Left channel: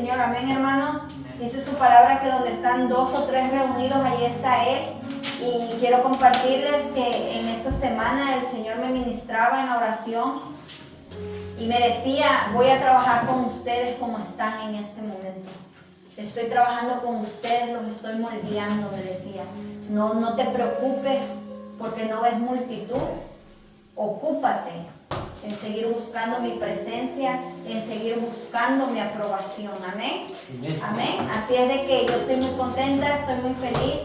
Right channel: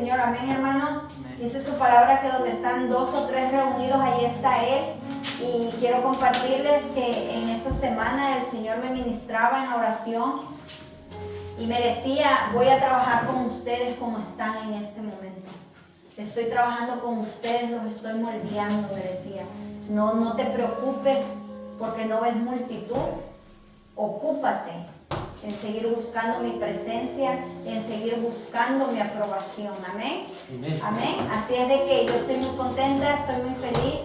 Señor. Amén, hermanos. Dice su palabra que donde están 2 o 3 reunidos, ahí está Él. Y quiero compartirles que en esta semana el Señor me ministraba en oración y me decía, voy a trabajar con ustedes como están en este momento. Estoy trabajando con ustedes, los estoy moldeando, me decía. No te preocupes porque no ves multitud. Ocúpate en seguir buscando mi presencia, en seguir buscando mi aprobación. Amén. Amén. Así es de que yo estoy muy contenta, estoy muy feliz,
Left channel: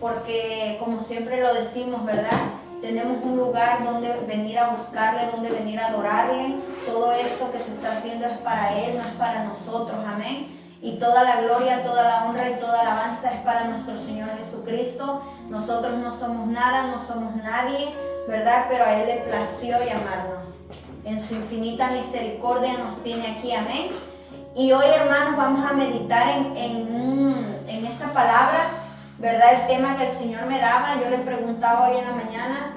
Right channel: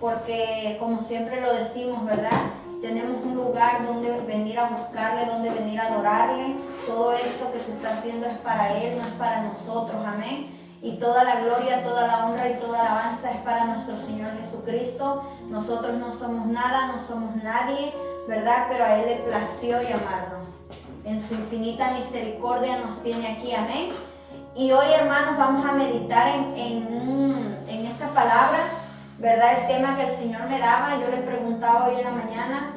porque como siempre lo decimos, ¿verdad? Tenemos un lugar donde venir a buscarle, donde venir a adorarle. Todo esto que se está haciendo es para Él, no es para nosotros. Amén. Y toda la gloria, toda la honra y toda la alabanza es para nuestro Señor Jesucristo. Nosotros no somos nada, no somos nadie, ¿verdad? Pero a Él le plació llamarnos. En su infinita misericordia nos tiene aquí, amén. Y hoy, hermanos, vamos a meditar en esta palabra, ¿verdad? El tema que el Señor me daba. Yo le preguntaba hoy en la mañana,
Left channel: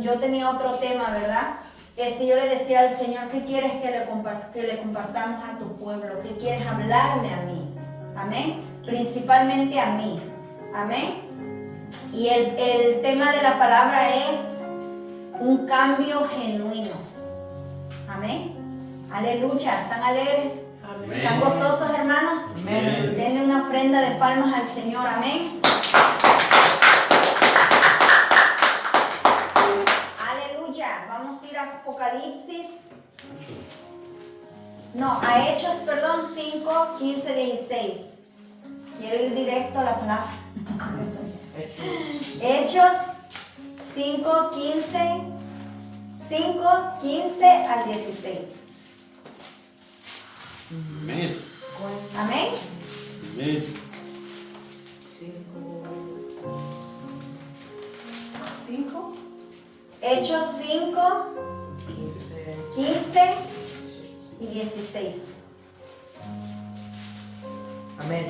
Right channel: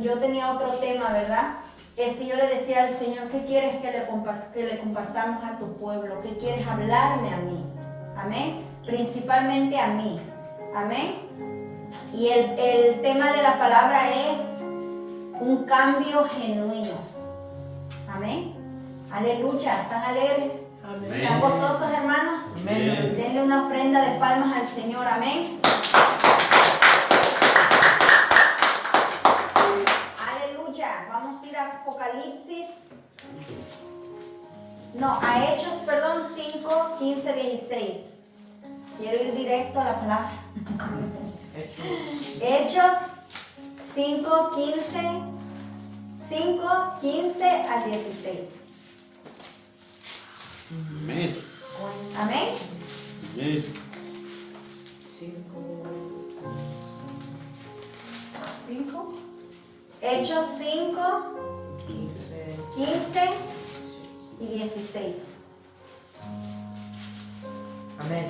yo tenía otro tema, ¿verdad? Yo le decía al Señor, ¿qué quieres que le compartamos a tu pueblo? ¿Qué quieres hablarme a mí? Amén. Principalmente a mí. Amén. Y el tema de la palabra es un cambio genuino. Amén. Aleluya. ¿Están alegres? Amén. ¿Están gozosos, hermanos? Amén. Denle una ofrenda de palmas al Señor. Amén. Aleluya. Vamos a ir a Apocalipsis. No, a Hechos, 5, 15, 16. Quiero ir directo a la palabra. Hechos 5, 15 al 16. Amén. Amén. Amén. 5. Hechos 5, 15 y 16. Amén.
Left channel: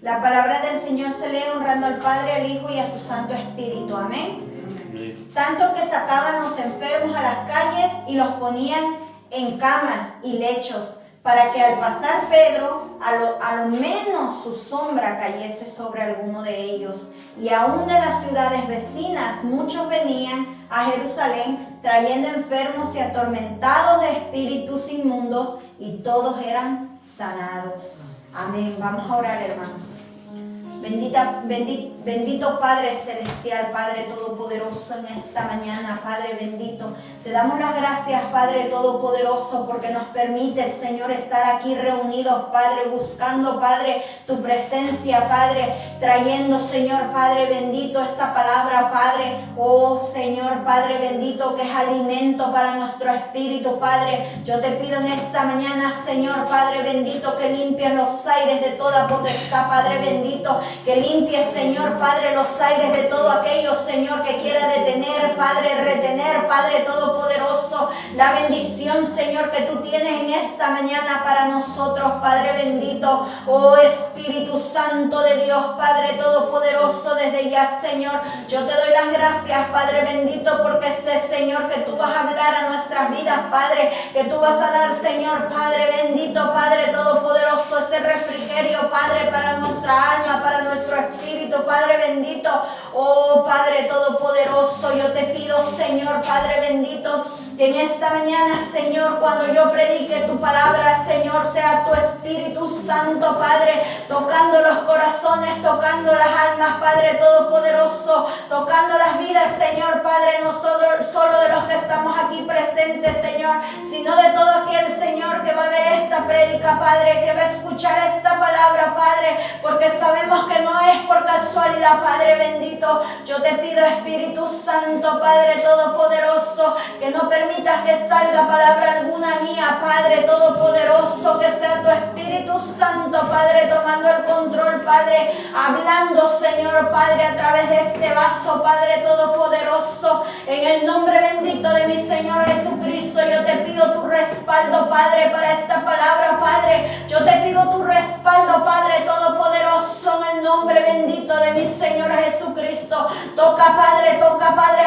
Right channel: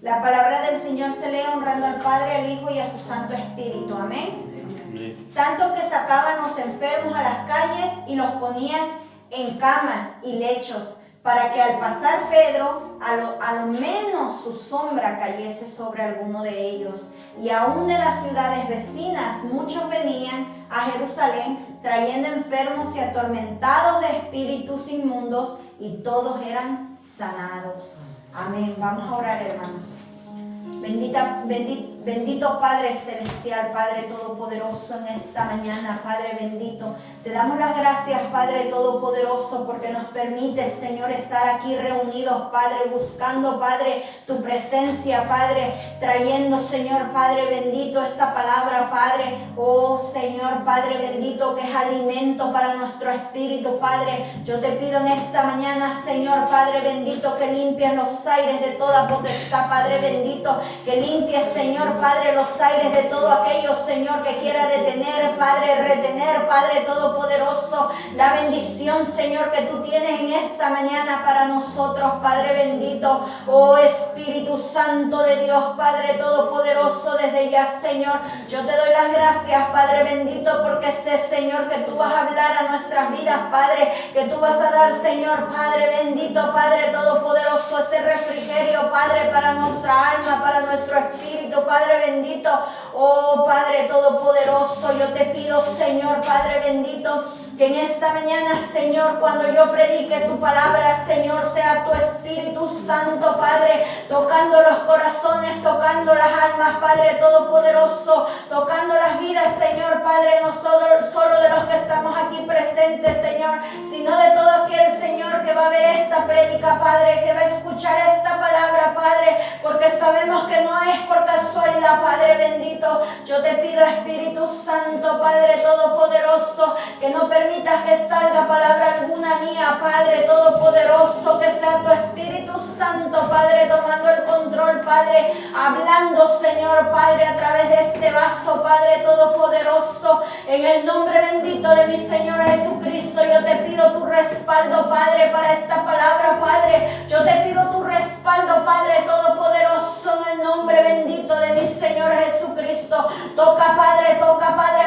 La palabra del Señor se lee honrando al Padre, al Hijo y a su Santo Espíritu. Amén. Amén. Tanto que sacaban los enfermos a las calles y los ponían en camas y lechos, para que al pasar Pedro, a lo menos su sombra cayese sobre alguno de ellos. Y aún de las ciudades vecinas muchos venían a Jerusalén, trayendo enfermos y atormentados de espíritus inmundos, y todos eran sanados. Amén. Vamos a orar, hermanos. Bendito Padre Celestial, Padre Todopoderoso, en esta mañana, Padre bendito. Te damos las gracias, Padre Todopoderoso, porque nos permites, Señor, estar aquí reunidos, Padre, buscando, Padre, tu presencia, Padre, trayendo, Señor, Padre bendito, esta palabra, Padre. Oh, Señor, Padre bendito, que es alimento para nuestro espíritu, Padre. Yo te pido en esta mañana, Señor, Padre bendito, que limpies los aires de toda potestad, Padre bendito. Que limpie, Señor, Padre, los aires de todo aquello, Señor, que quiera detener, Padre, retener, Padre Todopoderoso, la bendición, Señor, que tú tienes en esta mañana para nosotros, Padre bendito. Oh Espíritu Santo de Dios, Padre Todopoderoso, desde ya, Señor, yo te doy las gracias, Padre bendito, porque sé, Señor, que tú vas a hablar a nuestras vidas, Padre, que tú vas a dar, Señor, Padre bendito, Padre Todopoderoso, ese refrigerio, Padre, para nuestra alma, para nuestro espíritu, Padre bendito. Oh Padre Todopoderoso, yo te pido, Señor, Padre bendito, que en esta mañana, Señor, cuando yo predique tu palabra, Señor, sea tu Espíritu Santo, Padre, tocando los corazones, tocando las almas, Padre Todopoderoso, tocando las vidas, Señor, Padre, no solo de los que estamos aquí presentes, Señor, sino de todo aquel, Señor, que va a ver esta prédica, Padre, que va a escuchar esta palabra, Padre, porque sabemos que no es por casualidad, Padre bendito. Yo te pido, Espíritu Santo, Padre Todopoderoso, que no permitas que salga palabra alguna mía, Padre Todopoderoso, que sea tu Espíritu Santo, Padre, tomando el control, Padre, hablando, Señor, Padre, a través de este vaso, Padre Todopoderoso, en el nombre bendito de mi Señor Jesucristo. Yo te pido tu respaldo, Padre, para esta palabra, Padre. Yo te pido tu respaldo, Padre Todopoderoso, poderoso en el nombre bendito de mi Señor Jesucristo. Toca, Padre,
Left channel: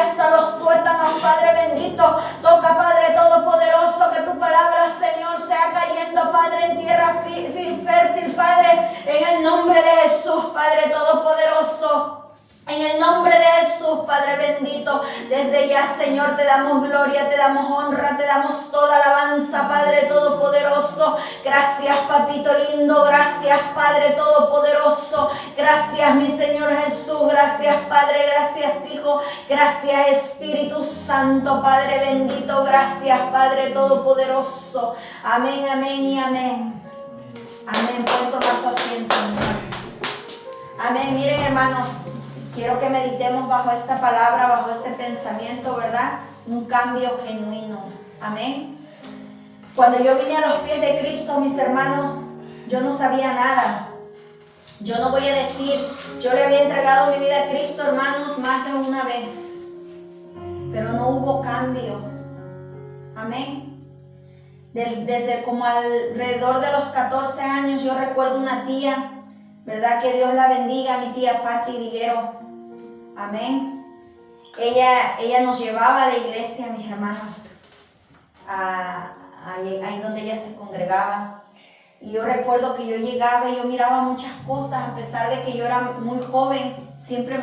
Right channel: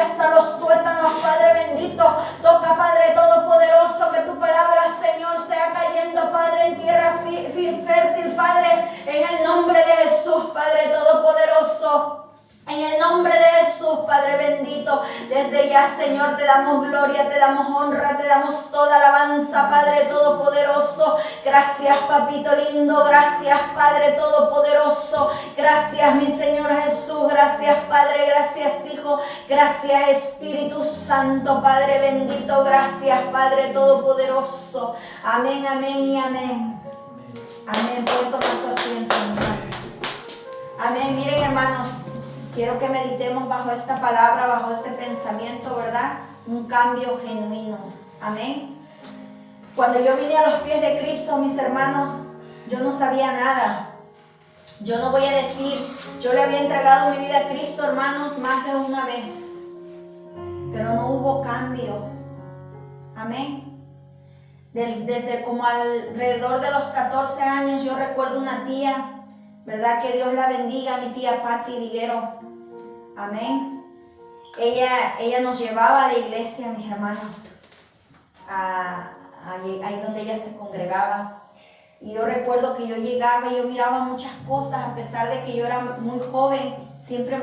hasta los tuétanos, Padre bendito. Toca, Padre todopoderoso, que tu palabra, Señor, sea cayendo, Padre, en tierra fértil, Padre, en el nombre de Jesús, Padre todopoderoso. En el nombre de Jesús, Padre bendito, desde ya, Señor, te damos gloria, te damos honra, te damos toda alabanza, Padre todopoderoso. Gracias, Papito lindo, gracias, Padre todopoderoso. Gracias, mi Señor Jesús, gracias, Padre, gracias, Hijo, gracias, Espíritu Santo, Padre bendito, gracias, Padre todopoderoso. Amén, amén y amén. Amén, por tomar su asiento. Amén, miren, hermanos. Quiero que meditemos bajo esta palabra, bajo este pensamiento, ¿verdad? Un cambio genuino. Amén. Cuando yo vine a los pies de Cristo, mis hermanos, yo no sabía nada. Yo no voy a decir, yo le había entregado mi vida a Cristo, hermanos, más de una vez. Pero no hubo cambio. Amén. Desde como alrededor de los 14 años, yo recuerdo una tía, ¿verdad? Que Dios la bendiga, mi tía Patti Diguero. Amén. Ella nos llevaba a la iglesia, mis hermanos, ahí donde ella se congregaba. Y yo recuerdo que yo llegaba y yo miraba muchas cosas, a pesar de que yo era muy joven, siempre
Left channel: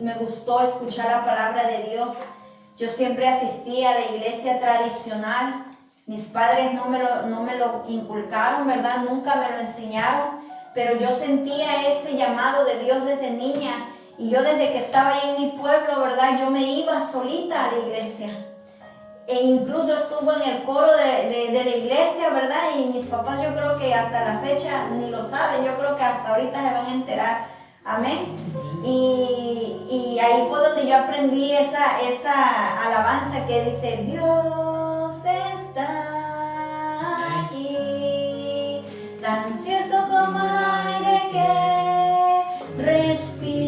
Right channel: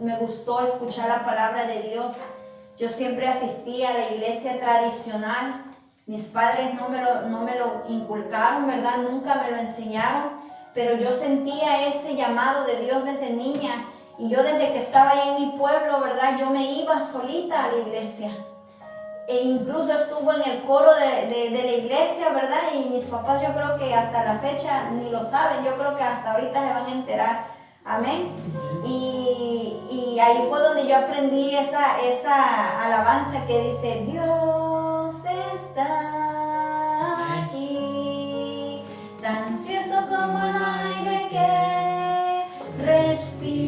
me gustó escuchar la palabra de Dios. Yo siempre asistía a la iglesia tradicional. Mis padres no me lo inculcaron, ¿verdad? Nunca me lo enseñaron, pero yo sentía ese llamado de Dios desde niña. Y yo desde que estaba ahí en mi pueblo, ¿verdad? Yo me iba solita a la iglesia. E incluso estuvo en el coro de la iglesia, ¿verdad? Y mis papás, yo creo que hasta la fecha ni lo saben. Yo creo que hasta ahorita se van a enterar. Amén. Y ahí fue donde yo aprendí esa alabanza que dice: Dios está aquí, tan cierto como el aire que respiro.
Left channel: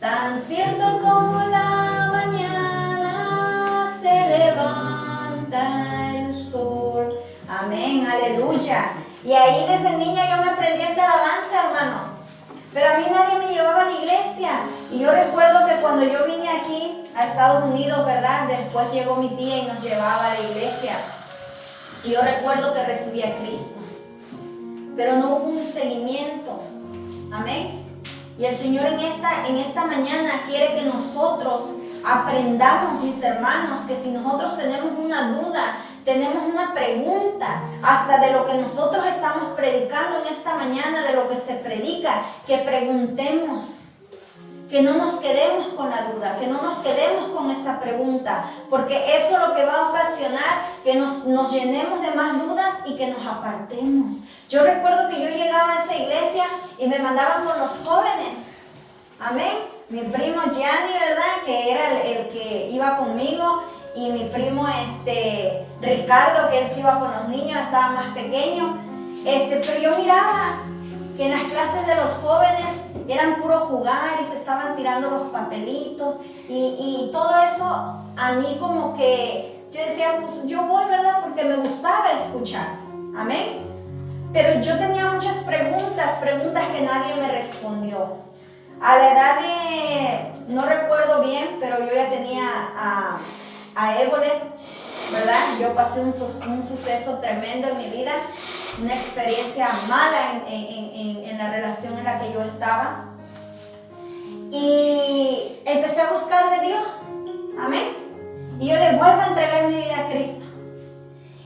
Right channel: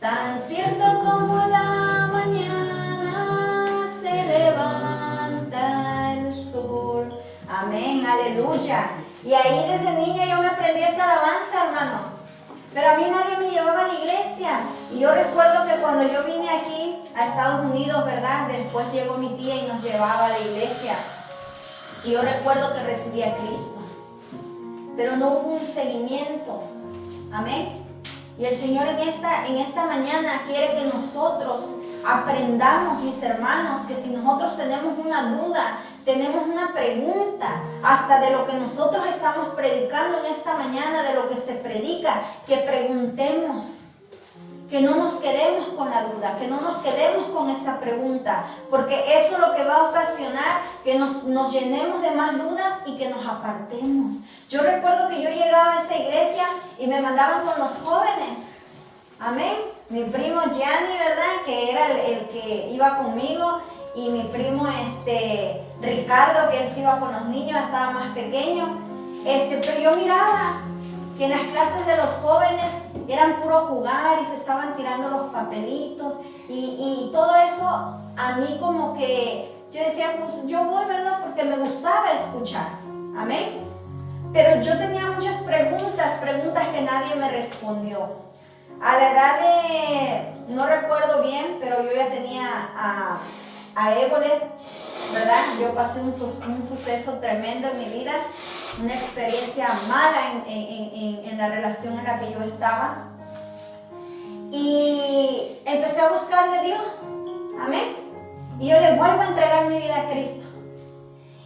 Tan cierto como la mañana se levanta el sol. Amén, aleluya. Y ahí desde niña yo me aprendí esa alabanza, hermanos. Pero a mí nadie me llevaba a la iglesia. Y yo recuerdo que cuando yo vine aquí a Estados Unidos, ¿verdad? Después llegó mi tía y nos llevaba a la iglesia. Y yo recuerdo que recibí a Cristo. Pero no hubo un seguimiento. Amén. Y el Señor en esta mañana quiere que nosotros aprendamos, mis hermanos, que si nosotros tenemos una duda, tenemos una pregunta, hasta de lo que nosotros estamos predicando en esta mañana, de lo que se predica, que preguntemos, que no nos quedemos con la duda, que no nos quedemos con esa pregunta, porque eso es lo que va a ocasionar que nos llenemos de más dudas y que nos apartemos. Yo recuerdo que yo llegaba a esa iglesia y me mandaban con los jóvenes. Amén. Mi primo Gianni, ¿verdad? Que era el que iba conmigo. Y mi primo Ricardo, que él se iba con los niños, estaba más pequeño. Pero yo miraba que en las clases de los jóvenes eran puro jugar y se estaban tirando los papelitos. Y todo eso a mí como que yo decía, pues yo voy, ¿verdad? Porque me gustaba escuchar. Amén. Pero yo tenía muchas preguntas que nadie me respondió. A la edad de, no recuerdo bien, pero yo ya tenía a Ébolet, ¿verdad? Yo pasé un suceso tremendo en mi vida, una experiencia mala en la relación en la que yo estaba. Y empecé a buscar de Dios. Amén. Y yo le vuelvo a entregar mi vida a Cristo.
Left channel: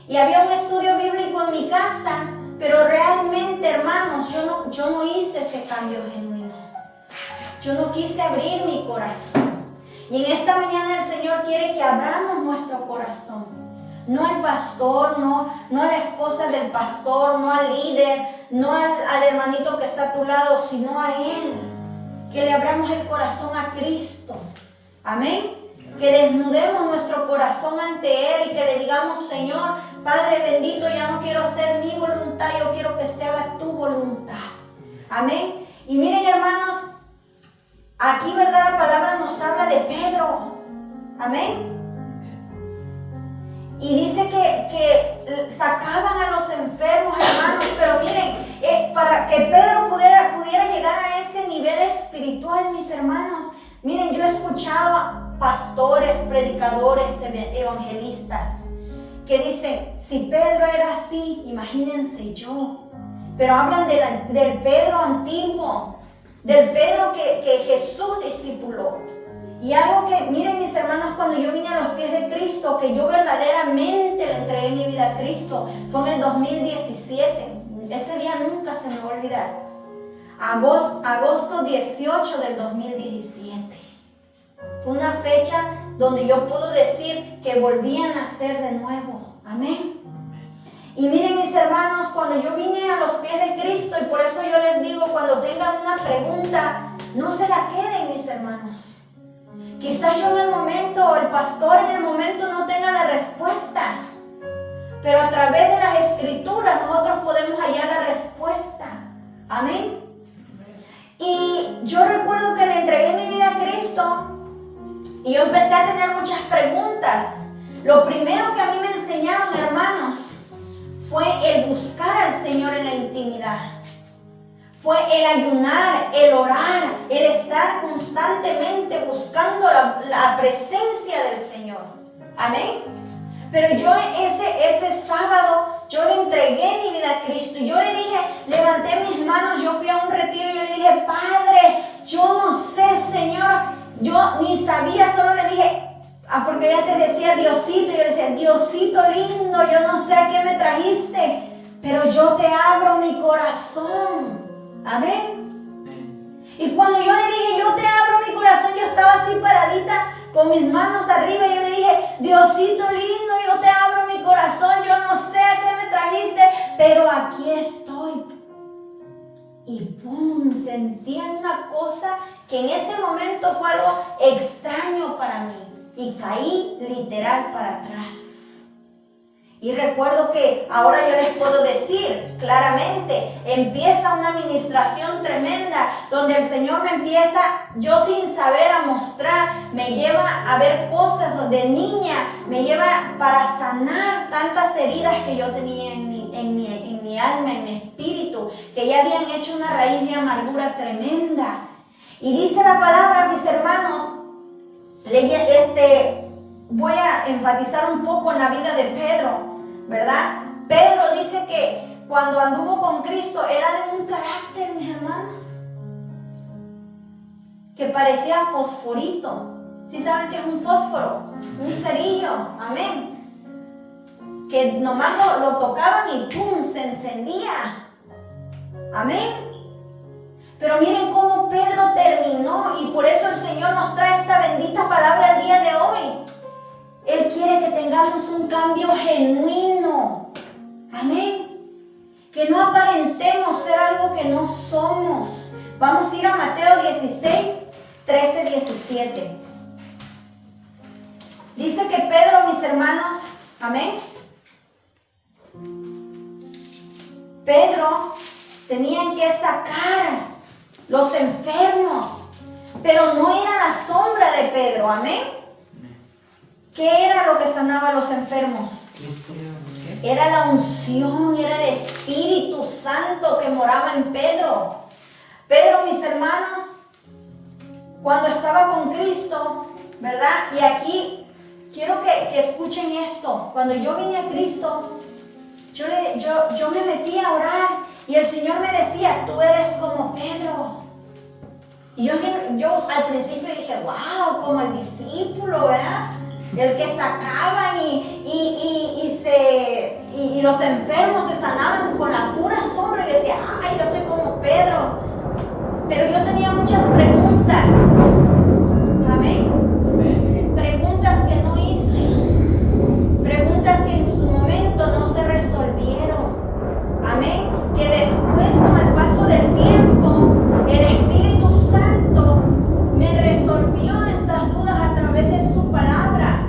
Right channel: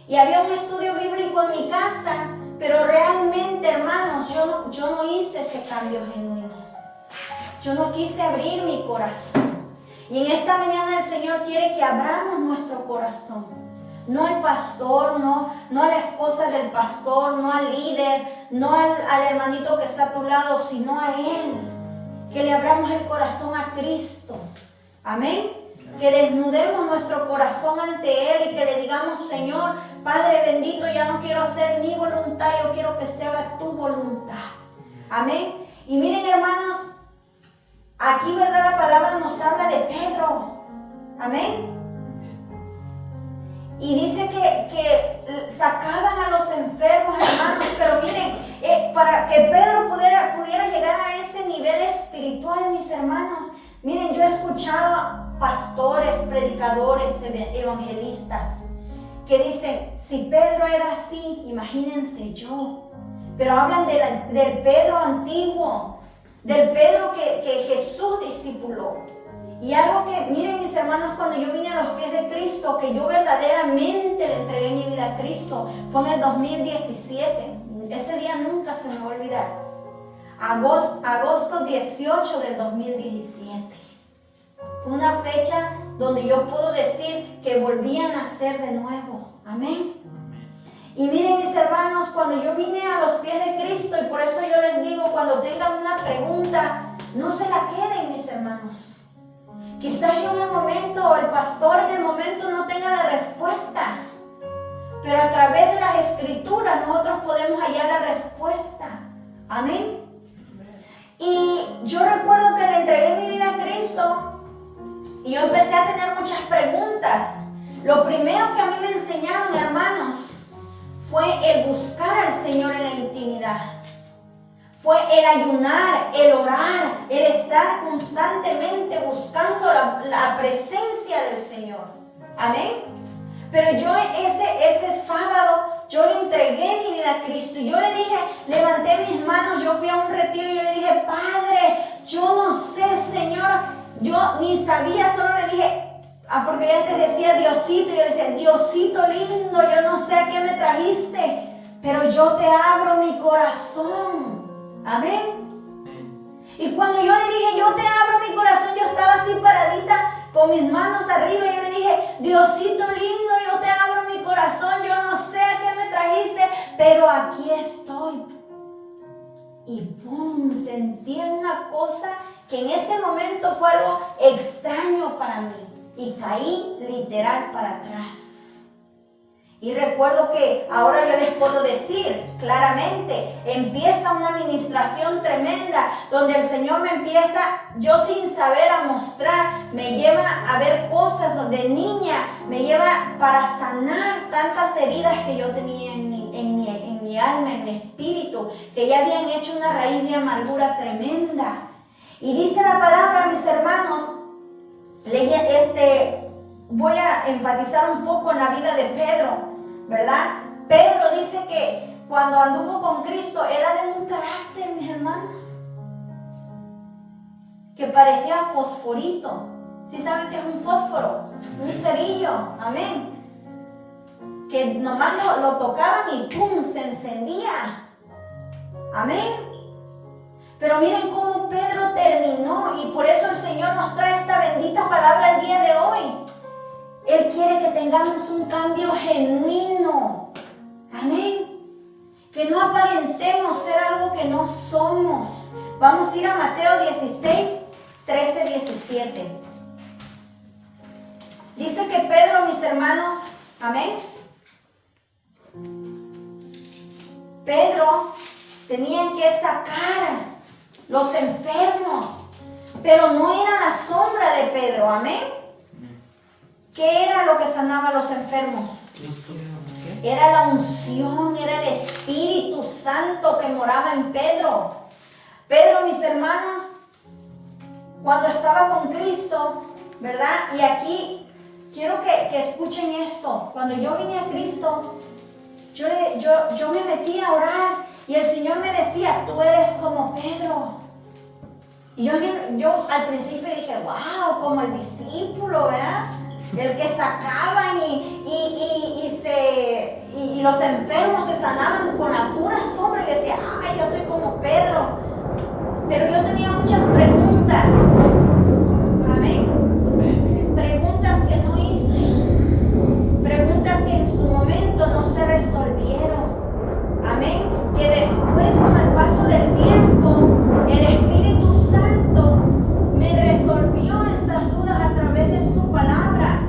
Y había un estudio bíblico en mi casa, pero realmente, hermanos, yo no hice ese cambio genuino. Yo no quise abrir mi corazón. Y en esta mañana el Señor quiere que abramos nuestro corazón. No al pastor, no a la esposa del pastor, no al líder, no al hermanito que está a tu lado, sino a Él. Que le abramos el corazón a Cristo. Amén. Que desnudemos nuestro corazón ante Él y que le digamos: Señor, Padre bendito, ya no quiero hacer mi voluntad, yo quiero que se haga tu voluntad. Amén. Y miren, hermanos, aquí, ¿verdad? La palabra nos habla de Pedro. Amén. Y dice que sacaban a los enfermos, hermanos, pero miren, para que Pedro pudiera llegar a ese nivel espiritual, mis hermanos. Miren, yo he escuchado a pastores, predicadores, evangelistas que dicen, si Pedro era así, imagínense yo. Pero hablan del Pedro antiguo, del Pedro que Jesús discipuló. Y algo que, miren mis hermanos, cuando yo vine a los pies de Cristo, que yo verdaderamente le entregué mi vida a Cristo, fue en el 2017. Ese día nunca se me va a olvidar. Agosto 18 del 2017. Fue una fecha donde yo puedo decir que volví a nacer de nuevo. Amén. Y miren mis hermanos, cuando yo vine a los pies de Cristo, y por eso yo les digo, cuando tengan una pregunta, no se la queden, mis hermanos. Quizás yo en el momento, el pastor en el momento no tenga la respuesta, pero a través de las escrituras nosotros podemos hallar la respuesta. Amén. Y yo recuerdo que le entregué mi vida a Cristo y yo empecé a tener muchas preguntas. Lo primero que a mí me enseñaron, hermanos, fue el buscar al Señor en la intimidad. Fue el ayunar, el orar, el estar constantemente buscando la presencia del Señor. Amén. Pero yo ese sábado, yo le entregué mi vida a Cristo. Yo le dije, levanté mis manos, yo fui a un retiro y yo le dije, Padre, yo no sé, Señor, yo ni sabía, solo le dije, porque yo antes decía Diosito, y yo le decía, Diosito lindo, yo no sé a qué me trajiste, pero yo te abro mi corazón. Amén. Y cuando yo le dije, yo te abro mi corazón, yo estaba así paradita con mis manos arriba y yo le dije, Diosito lindo, yo te abro mi corazón, yo no sé a qué me trajiste, pero aquí estoy. Y ¡pum! Sentía una cosa que en ese momento fue algo extraño para mí y caí literal para atrás. Y recuerdo que ahora yo les puedo decir claramente, empieza una administración tremenda donde el Señor me empieza, yo sin saber, a mostrar, me lleva a ver cosas donde niña, me lleva para sanar tantas heridas que yo tenía en mi alma, en mi espíritu, que ya habían hecho una raíz de amargura tremenda. Y dice la palabra, mis hermanos, voy a enfatizar un poco en la vida de Pedro, ¿verdad? Pedro dice que cuando anduvo con Cristo era de un carácter, mis hermanos, que parecía fosforito. ¿Sí saben qué es un fósforo? Un cerillo, amén. Que nomás lo tocaban y ¡pum! Se encendía. Amén. Pero miren cómo Pedro terminó, y por eso el Señor nos trae esta bendita palabra el día de hoy. Él quiere que tengamos un cambio genuino. Amén. Que no aparentemos ser algo que no somos. Vamos a ir a Mateo 16, 13, 17. Dice que Pedro, mis hermanos, amén. Pedro tenía que sacar los enfermos, pero no era la sombra de Pedro, amén. ¿Qué era lo que sanaba a los enfermos? Era la unción, era el Espíritu Santo que moraba en Pedro. Pedro, mis hermanos, cuando estaba con Cristo, ¿verdad? Y aquí quiero que escuchen esto. Cuando yo vine a Cristo, yo me metí a orar y el Señor me decía, tú eres como Pedro. Y yo al principio dije, wow, como el discípulo, ¿verdad? El que sacaban y los enfermos se sanaban con la pura sombra. Y decía, ay, yo soy como Pedro. Pero yo tenía muchas preguntas. Amén. Preguntas que no hice. Preguntas que en su momento no se resolvieron. Amén. Que después, con el paso del tiempo, el Espíritu Santo me resolvió esas dudas a través de su palabra.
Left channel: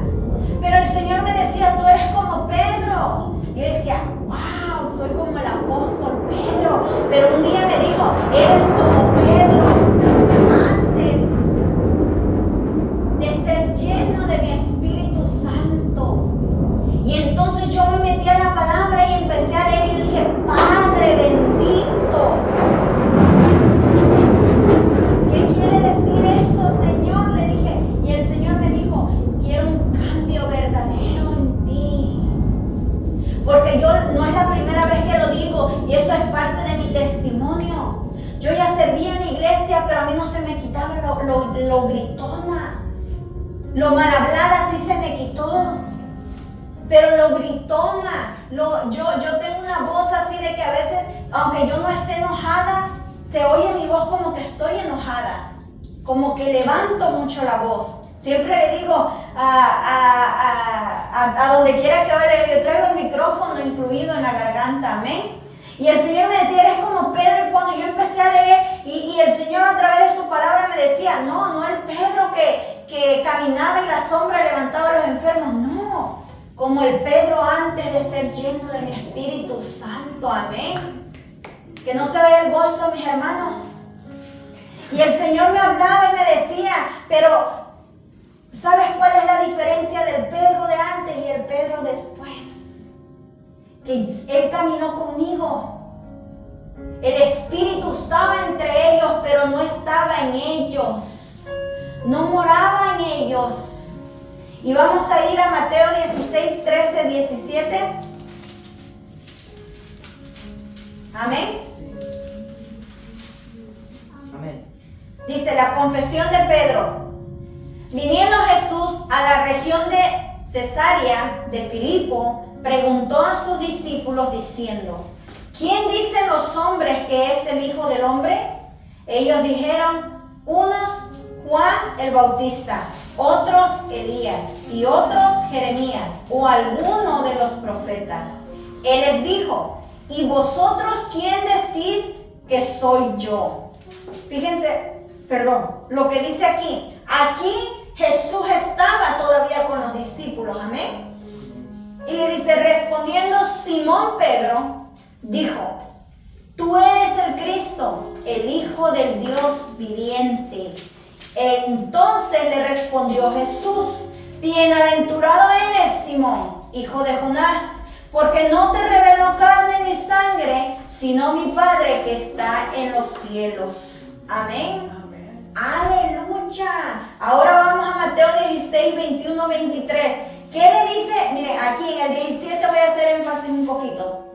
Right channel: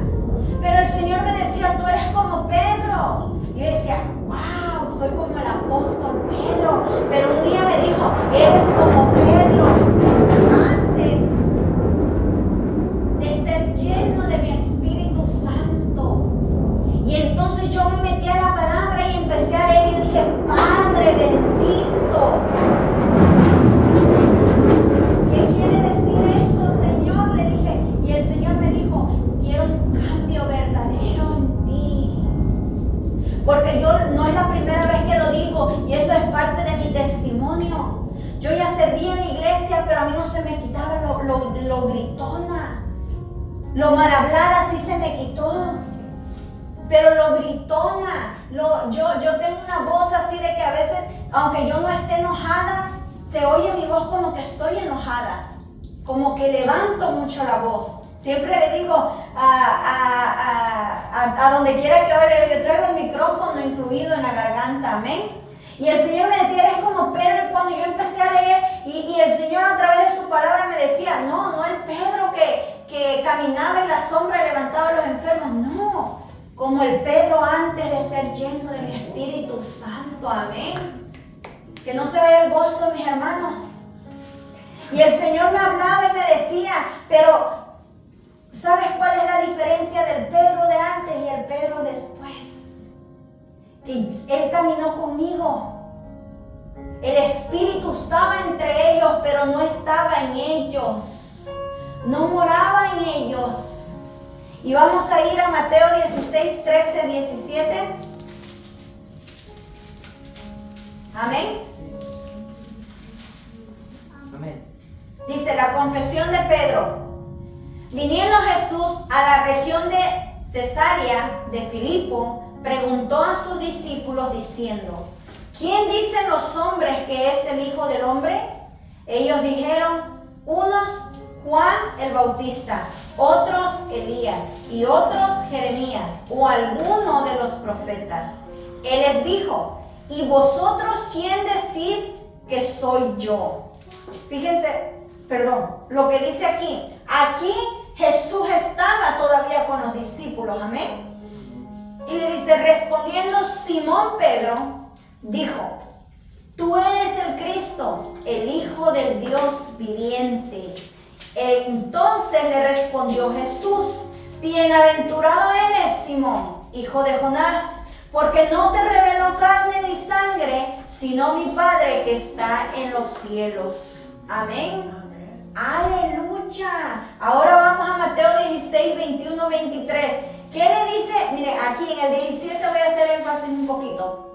Pero el Señor me decía, tú eres como Pedro. Y yo decía, wow, soy como el apóstol Pedro. Pero un día me dijo, eres se me quitaba lo gritona. Lo mal hablada sí se me quitó. Pero lo gritona, yo tengo una voz así de que a veces, aunque yo no esté enojada, se oye mi voz como que estoy enojada. Como que levanto mucho la voz. Siempre le digo a donde quiera que vaya, yo traigo el micrófono incluido en la garganta, amén. Y el Señor me decía, eres como Pedro. Y cuando yo empecé a leer, y el Señor a través de su palabra me decía, no el Pedro que caminaba en la sombra y levantaba a los enfermos, no. Como el Pedro antes de ser lleno del Espíritu Santo, amén. Que no se vea el gozo, mis hermanos. Y el Señor me hablaba y me decía, pero ¿sabes cuál es la diferencia del Pedro de antes y el Pedro después? Que Él caminó conmigo. El Espíritu estaba entre ellos, pero no estaba en ellos. No moraba en ellos. Y vamos a ir a Mateo 16, 13, 17. Amén. Amén. Dice la confesión de Pedro. Viniendo Jesús a la región de Cesarea de Filipo, preguntó a sus discípulos diciendo, ¿quién dicen los hombres que es el Hijo del Hombre? Ellos dijeron, unos Juan el Bautista, otros Elías y otros Jeremías o alguno de los profetas. Él les dijo, ¿y vosotros quién decís que soy yo? Fíjense, lo que dice aquí. Aquí Jesús estaba todavía con los discípulos, amén. Y le dice, respondiendo Simón Pedro, dijo, tú eres el Cristo, el Hijo del Dios viviente. Entonces le respondió Jesús, bienaventurado eres, Simón, hijo de Jonás, porque no te reveló carne ni sangre, sino mi Padre que está en los cielos. Amén. Amén. Aleluya. Ahora vamos a Mateo 16, 21, 23. ¿Qué le dice? Mire, aquí en el 17 voy a hacer énfasis un poquito.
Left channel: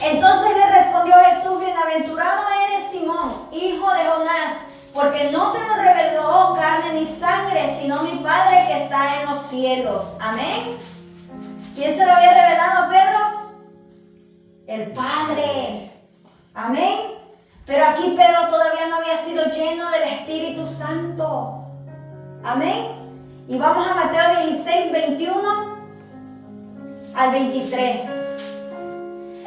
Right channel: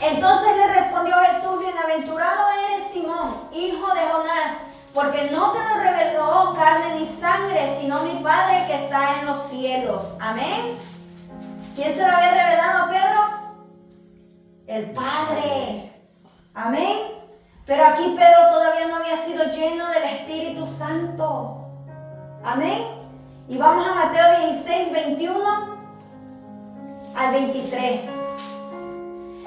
Entonces le respondió Jesús, bienaventurado eres, Simón, hijo de Jonás, porque no te lo reveló carne ni sangre, sino mi Padre que está en los cielos. Amén. ¿Quién se lo había revelado a Pedro? El Padre. Amén. Pero aquí Pedro todavía no había sido lleno del Espíritu Santo. Amén. Y vamos a Mateo 16, 21 al 23.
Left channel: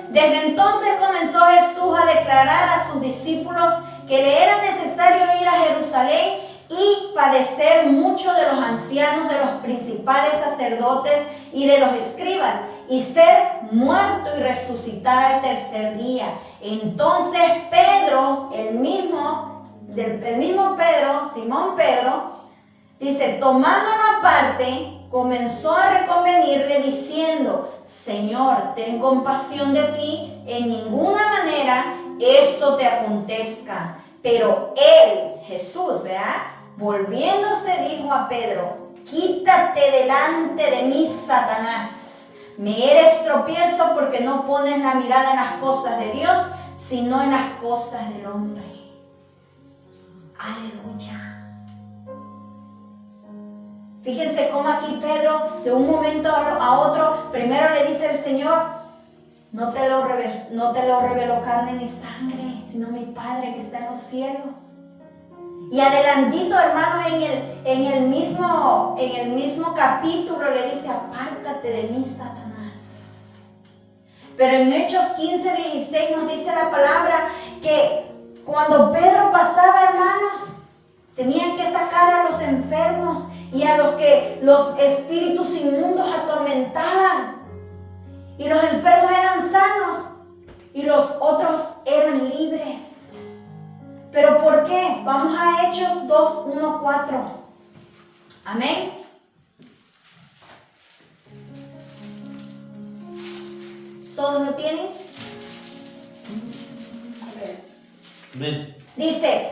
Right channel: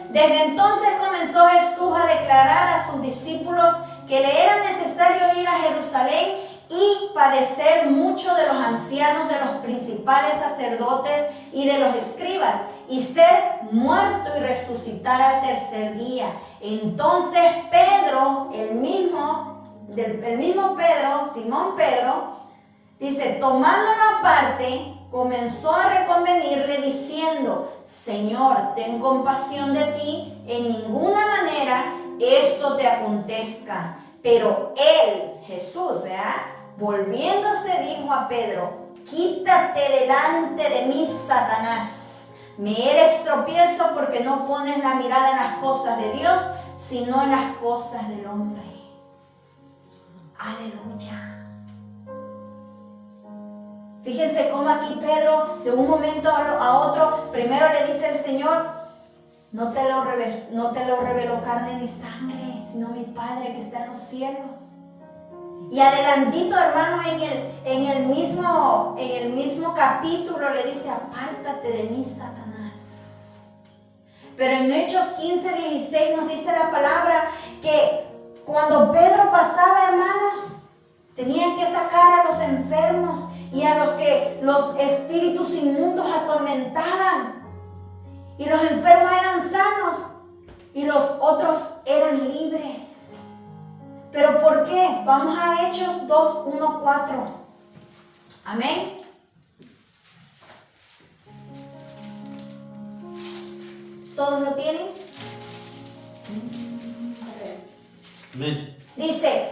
Desde entonces comenzó Jesús a declarar a sus discípulos que le era necesario ir a Jerusalén y padecer mucho de los ancianos, de los principales sacerdotes y de los escribas, y ser muerto y resucitar al tercer día. Entonces Pedro, el mismo Pedro, Simón Pedro, dice, tomándolo aparte, comenzó a reconvenirle diciendo, Señor, ten compasión de ti, en ninguna manera esto te acontezca. Pero él, Jesús, ¿verdad? Volviéndose dijo a Pedro, quítate delante de mí, Satanás. Me eres tropiezo porque no pones la mirada en las cosas de Dios, sino en las cosas del hombre. Aleluya. Fíjense cómo aquí Pedro, de un momento a otro, primero le dice el Señor, no te lo reveló carne ni sangre, sino mi Padre que está en los cielos. Y adelantito, hermanos, en el mismo capítulo le dice, apártate de mí, Satanás. Pero en Hechos 15, 16 nos dice la palabra que cuando Pedro pasaba, hermanos, tenían que sacar a los enfermos y a los que los espíritus inmundos atormentaban. Y los enfermos eran sanos y los otros eran libres. ¿Pero por qué? Vamos a Hechos 2, 1, 4. Amén. ¿Todos lo tienen? Amén. Dice,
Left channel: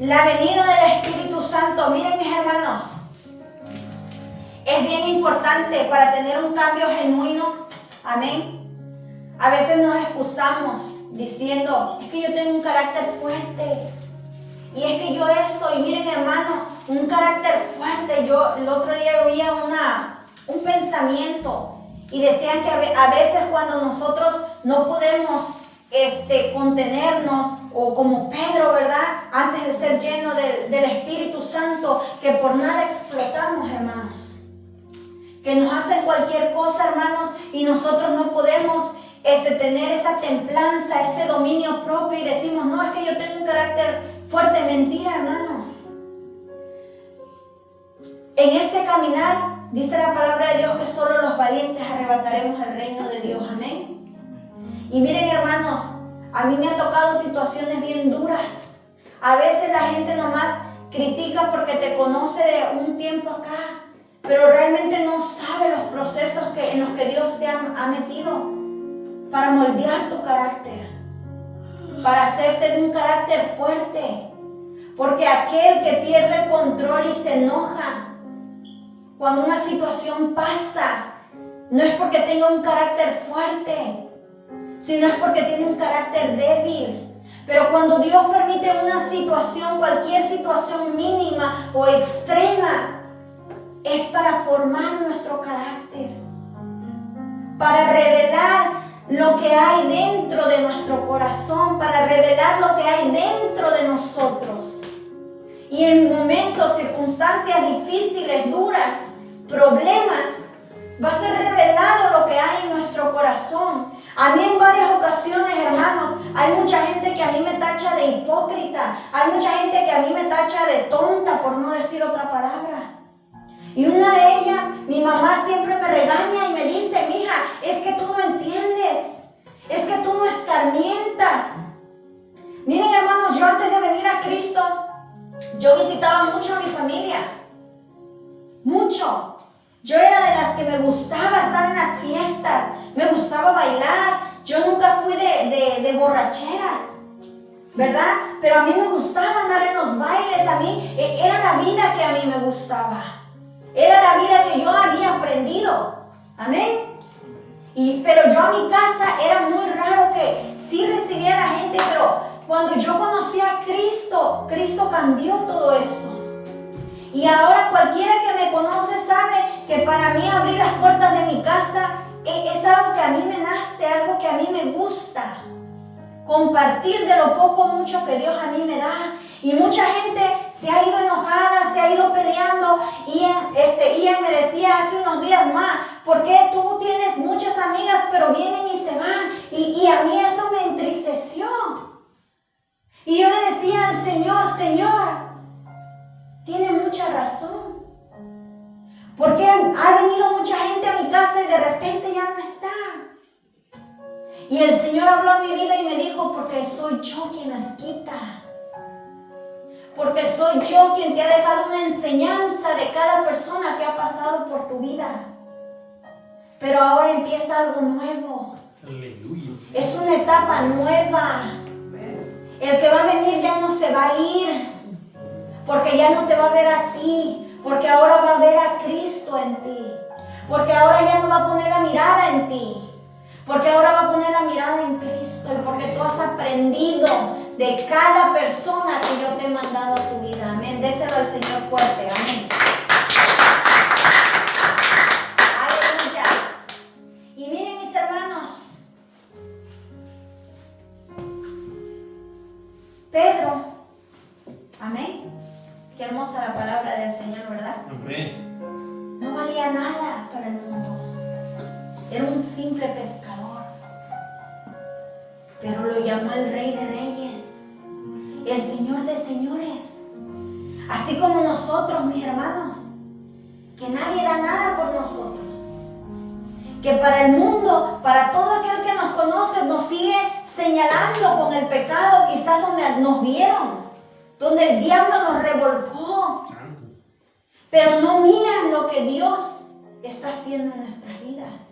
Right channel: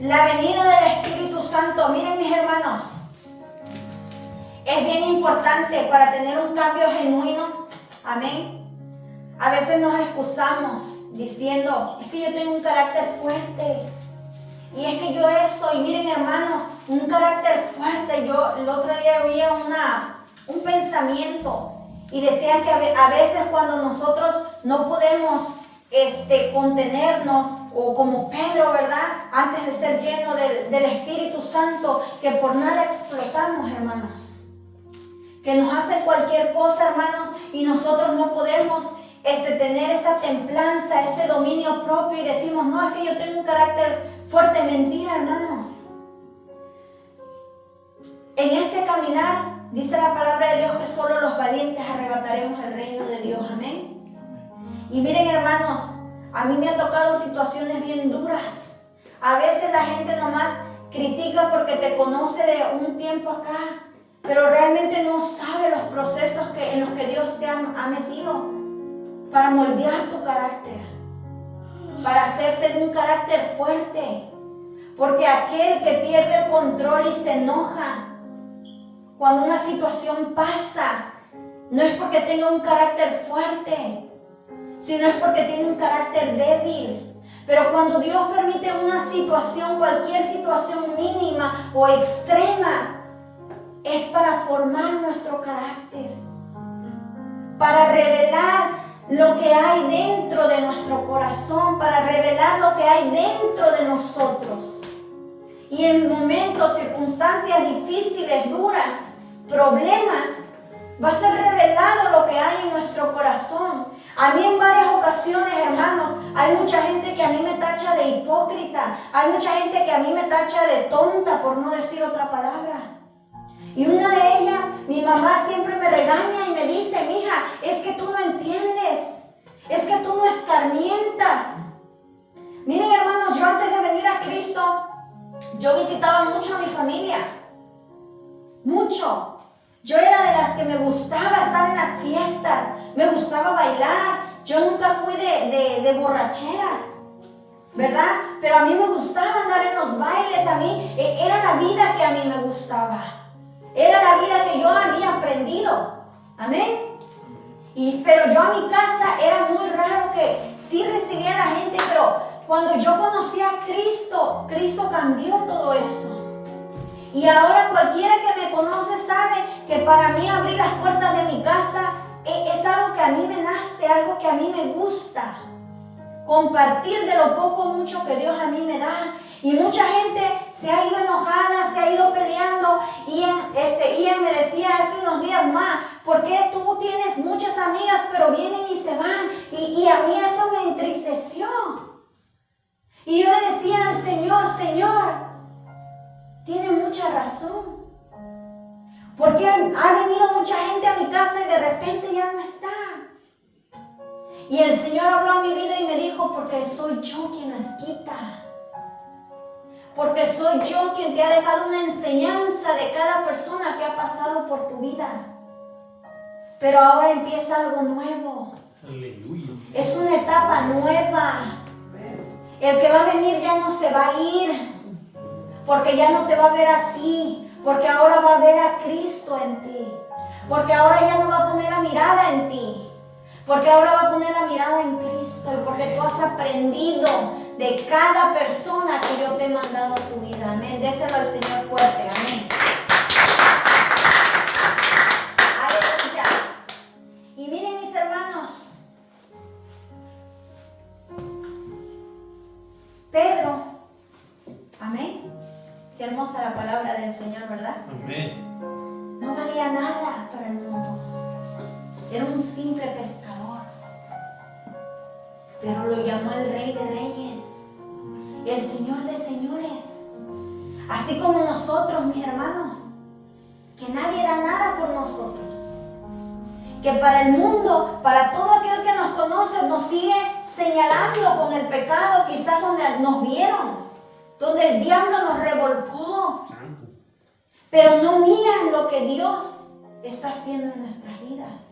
la venida del Espíritu Santo. Miren, mis hermanos, es bien importante para tener un cambio genuino. Amén. A veces nos excusamos diciendo, es que yo tengo un carácter fuerte y es que yo esto, y miren hermanos, un carácter fuerte. Yo el otro día oía un pensamiento y decían que a veces cuando nosotros no podemos contenernos, o como Pedro, ¿verdad? Antes de ser lleno del Espíritu Santo, que por nada explotamos, hermanos. Que nos hacen cualquier cosa, hermanos, y nosotros no podemos tener esa templanza, ese dominio propio y decimos, no, es que yo tengo un carácter fuerte. Mentira, hermanos. En este caminar, dice la palabra de Dios que solo los valientes arrebataremos el reino de Dios. Amén. Y miren, hermanos, a mí me ha tocado situaciones bien duras. A veces la gente nomás critica porque te conoce de un tiempo acá, pero realmente no sabe los procesos en los que Dios te ha metido para moldear tu carácter, para hacerte de un carácter fuerte. Porque aquel que pierde el control y se enoja cuando una situación pasa, no es porque tenga un carácter fuerte, sino es porque tiene un carácter débil. Pero cuando Dios permite una situación, cualquier situación mínima o extrema, es para formar nuestro carácter, para revelar lo que hay dentro de nuestro corazón, para revelar lo que hay dentro de nosotros. Y en momentos, circunstancias difíciles, duras, problemas, va a ser revelado lo que hay en nuestro corazón. A mí en varias ocasiones, hermanos, hay mucha gente que a mí me tacha de hipócrita, hay mucha gente que a mí me tacha de tonta, por no decir otra palabra. Y una de ellas, mi mamá siempre me regaña y me dice, mija, es que tú no entiendes, es que tú no escarmientas. Miren, hermanos, yo antes de venir a Cristo, yo visitaba mucho a mi familia, mucho. Yo era de las que me gustaba estar en las fiestas, me gustaba bailar. Yo nunca fui de borracheras, ¿verdad? Pero a mí me gustaba andar en los bailes, a mí era la vida que a mí me gustaba. Era la vida que yo había aprendido. Amén. Pero yo a mi casa era muy raro que sí recibía a la gente, pero cuando yo conocí a Cristo, Cristo cambió todo eso. Y ahora cualquiera que me conoce sabe que para mí abrir las puertas de mi casa es algo que a mí me nace, algo que a mí me gusta. Compartir de lo poco o mucho que Dios a mí me da. Y mucha gente se ha ido enojada, se ha ido peleando. Ian me decía hace unos días más, ¿por qué tú tienes muchas amigas pero vienen y se van? Y a mí eso me entristeció. Y yo le decía al Señor, tiene mucha razón. Porque ha venido mucha gente a mi casa y de repente ya no está. Y el Señor habló a mi vida y me dijo, porque soy yo quien las quita. Porque soy yo quien te ha dejado una enseñanza de cada persona que ha pasado por tu vida. Pero ahora empieza algo nuevo. Aleluya. Es una etapa nueva. El que va a venir ya no se va a ir. Porque ya no te va a ver a ti. Porque ahora va a ver a Cristo en ti. Porque ahora ya no va a poner la mirada en ti. Porque ahora va a poner la mirada en Cristo. Y porque tú has aprendido de cada persona que yo te he mandado a tu vida. Amén. Déselo al Señor fuerte. Amén. Aleluya. Y miren, mis hermanos. Pedro. Amén. Qué hermosa la palabra del Señor, ¿verdad? Amén. No valía nada para el mundo. Era un simple pescador. Pero lo llamó el Rey de Reyes y el Señor de Señores. Así como nosotros, mis hermanos, que nadie da nada por nosotros. Que para el mundo, para todo aquel que nos conoce, nos sigue señalando con el pecado, quizás donde nos vieron, donde el diablo nos revolcó. Pero no miran lo que Dios está haciendo en nuestras vidas.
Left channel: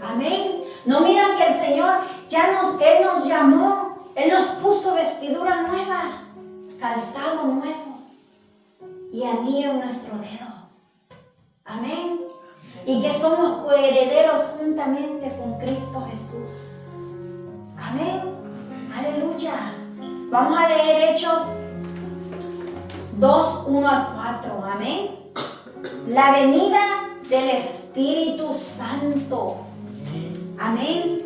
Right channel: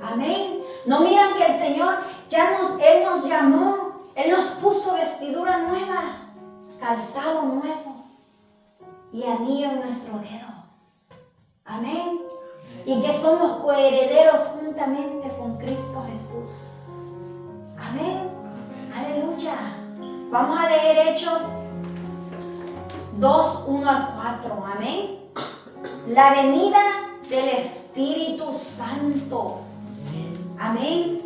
Amén. No miran que el Señor Él nos llamó, Él nos puso vestidura nueva, calzado nuevo y anillo en nuestro dedo. Amén. Y que somos coherederos juntamente con Cristo Jesús. Amén. Aleluya. Vamos a leer Hechos 2, 1 al 4. Amén. La venida del Espíritu Santo. Amén.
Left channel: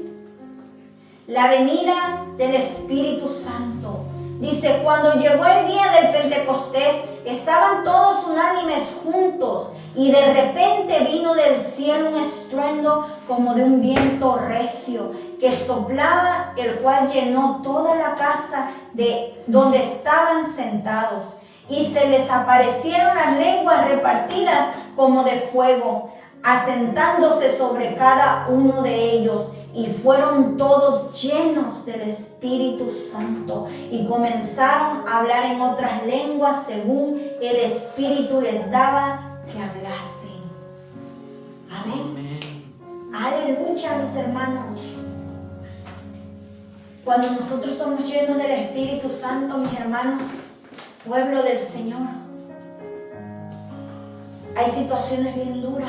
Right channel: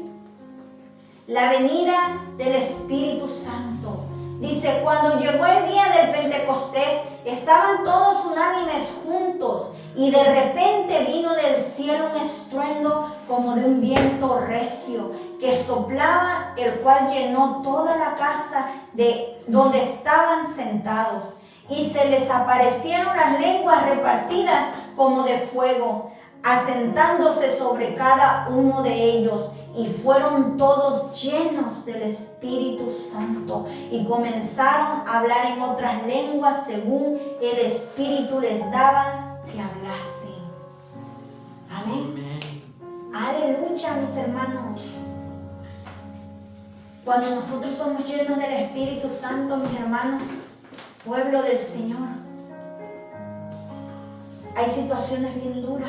La venida del Espíritu Santo. Dice, cuando llegó el día del Pentecostés, estaban todos unánimes juntos, y de repente vino del cielo un estruendo como de un viento recio que soplaba, el cual llenó toda la casa de donde estaban sentados. Y se les aparecieron las lenguas repartidas como de fuego, asentándose sobre cada uno de ellos. Y fueron todos llenos del Espíritu Santo y comenzaron a hablar en otras lenguas según el Espíritu les daba que hablasen. Amén. Aleluya, mis hermanos. Cuando nosotros somos llenos del Espíritu Santo, mis hermanos, pueblo del Señor, hay situaciones bien duras.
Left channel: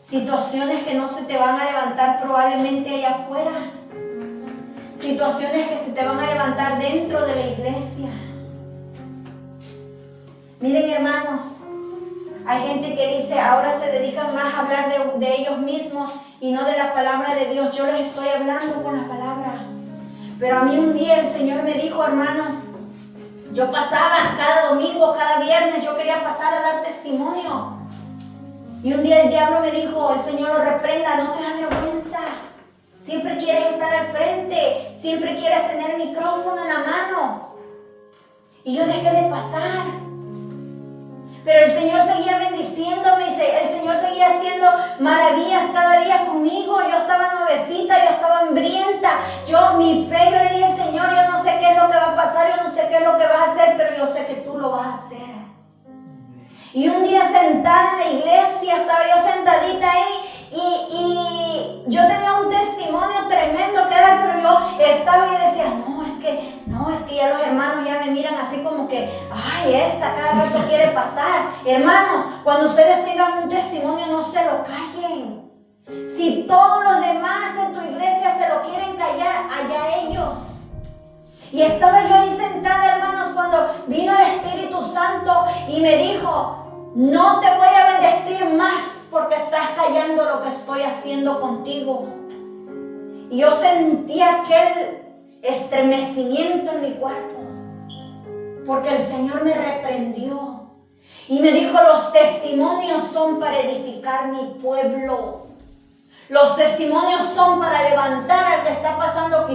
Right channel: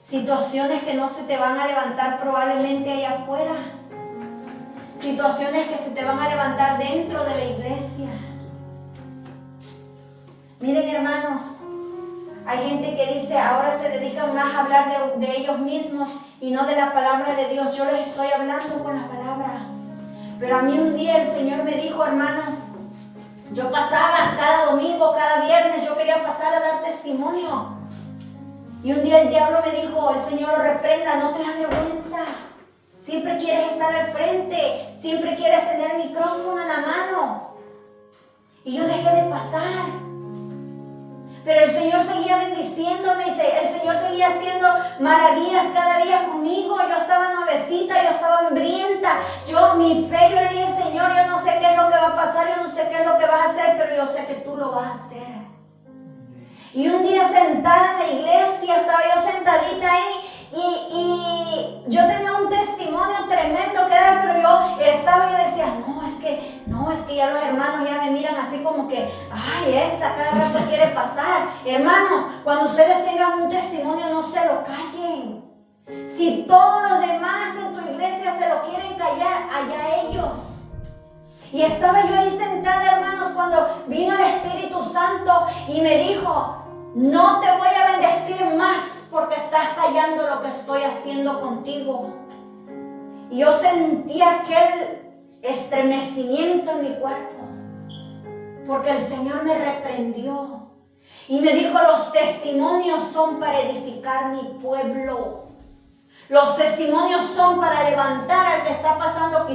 Situaciones que no se te van a levantar probablemente allá afuera. Situaciones que se te van a levantar dentro de la iglesia. Miren, hermanos, hay gente que dice, ahora se dedican más a hablar de ellos mismos y no de la palabra de Dios. Yo les estoy hablando con la palabra. Pero a mí un día el Señor me dijo, hermanos, yo pasaba cada domingo, cada viernes, yo quería pasar a dar testimonio. Y un día el diablo me dijo, el Señor lo reprenda, no te da vergüenza. Siempre quieres estar al frente, siempre quieres tener el micrófono en la mano. Y yo dejé de pasar. Pero el Señor seguía bendiciéndome, el Señor seguía haciendo maravillas cada día conmigo. Yo estaba nuevecita, yo estaba hambrienta. Mi fe, yo le dije, Señor, yo no sé qué es lo que va a pasar, yo no sé qué es lo que vas a hacer, pero yo sé que tú lo vas a hacer. Y un día sentada en la iglesia, estaba yo sentadita ahí y yo tenía un testimonio tremendo que dar, pero yo estaba y decía, no, es que ya los hermanos ya me miran así como que, ay, esta cada rato quiere pasar. Hermanos, cuando ustedes tengan un testimonio, no se lo callen. Si todos los demás en tu iglesia se lo quieren callar, allá ellos. Y estaba yo ahí sentada, hermanos, cuando vino el Espíritu Santo y me dijo, no te voy a bendecir más porque estás callando lo que estoy haciendo contigo. Y yo sentí aquel estremecimiento en mi cuerpo porque el Señor me reprendió y me dijo, los testimonios son para edificar mi pueblo. Los testimonios son para levantar al que está pasando quizás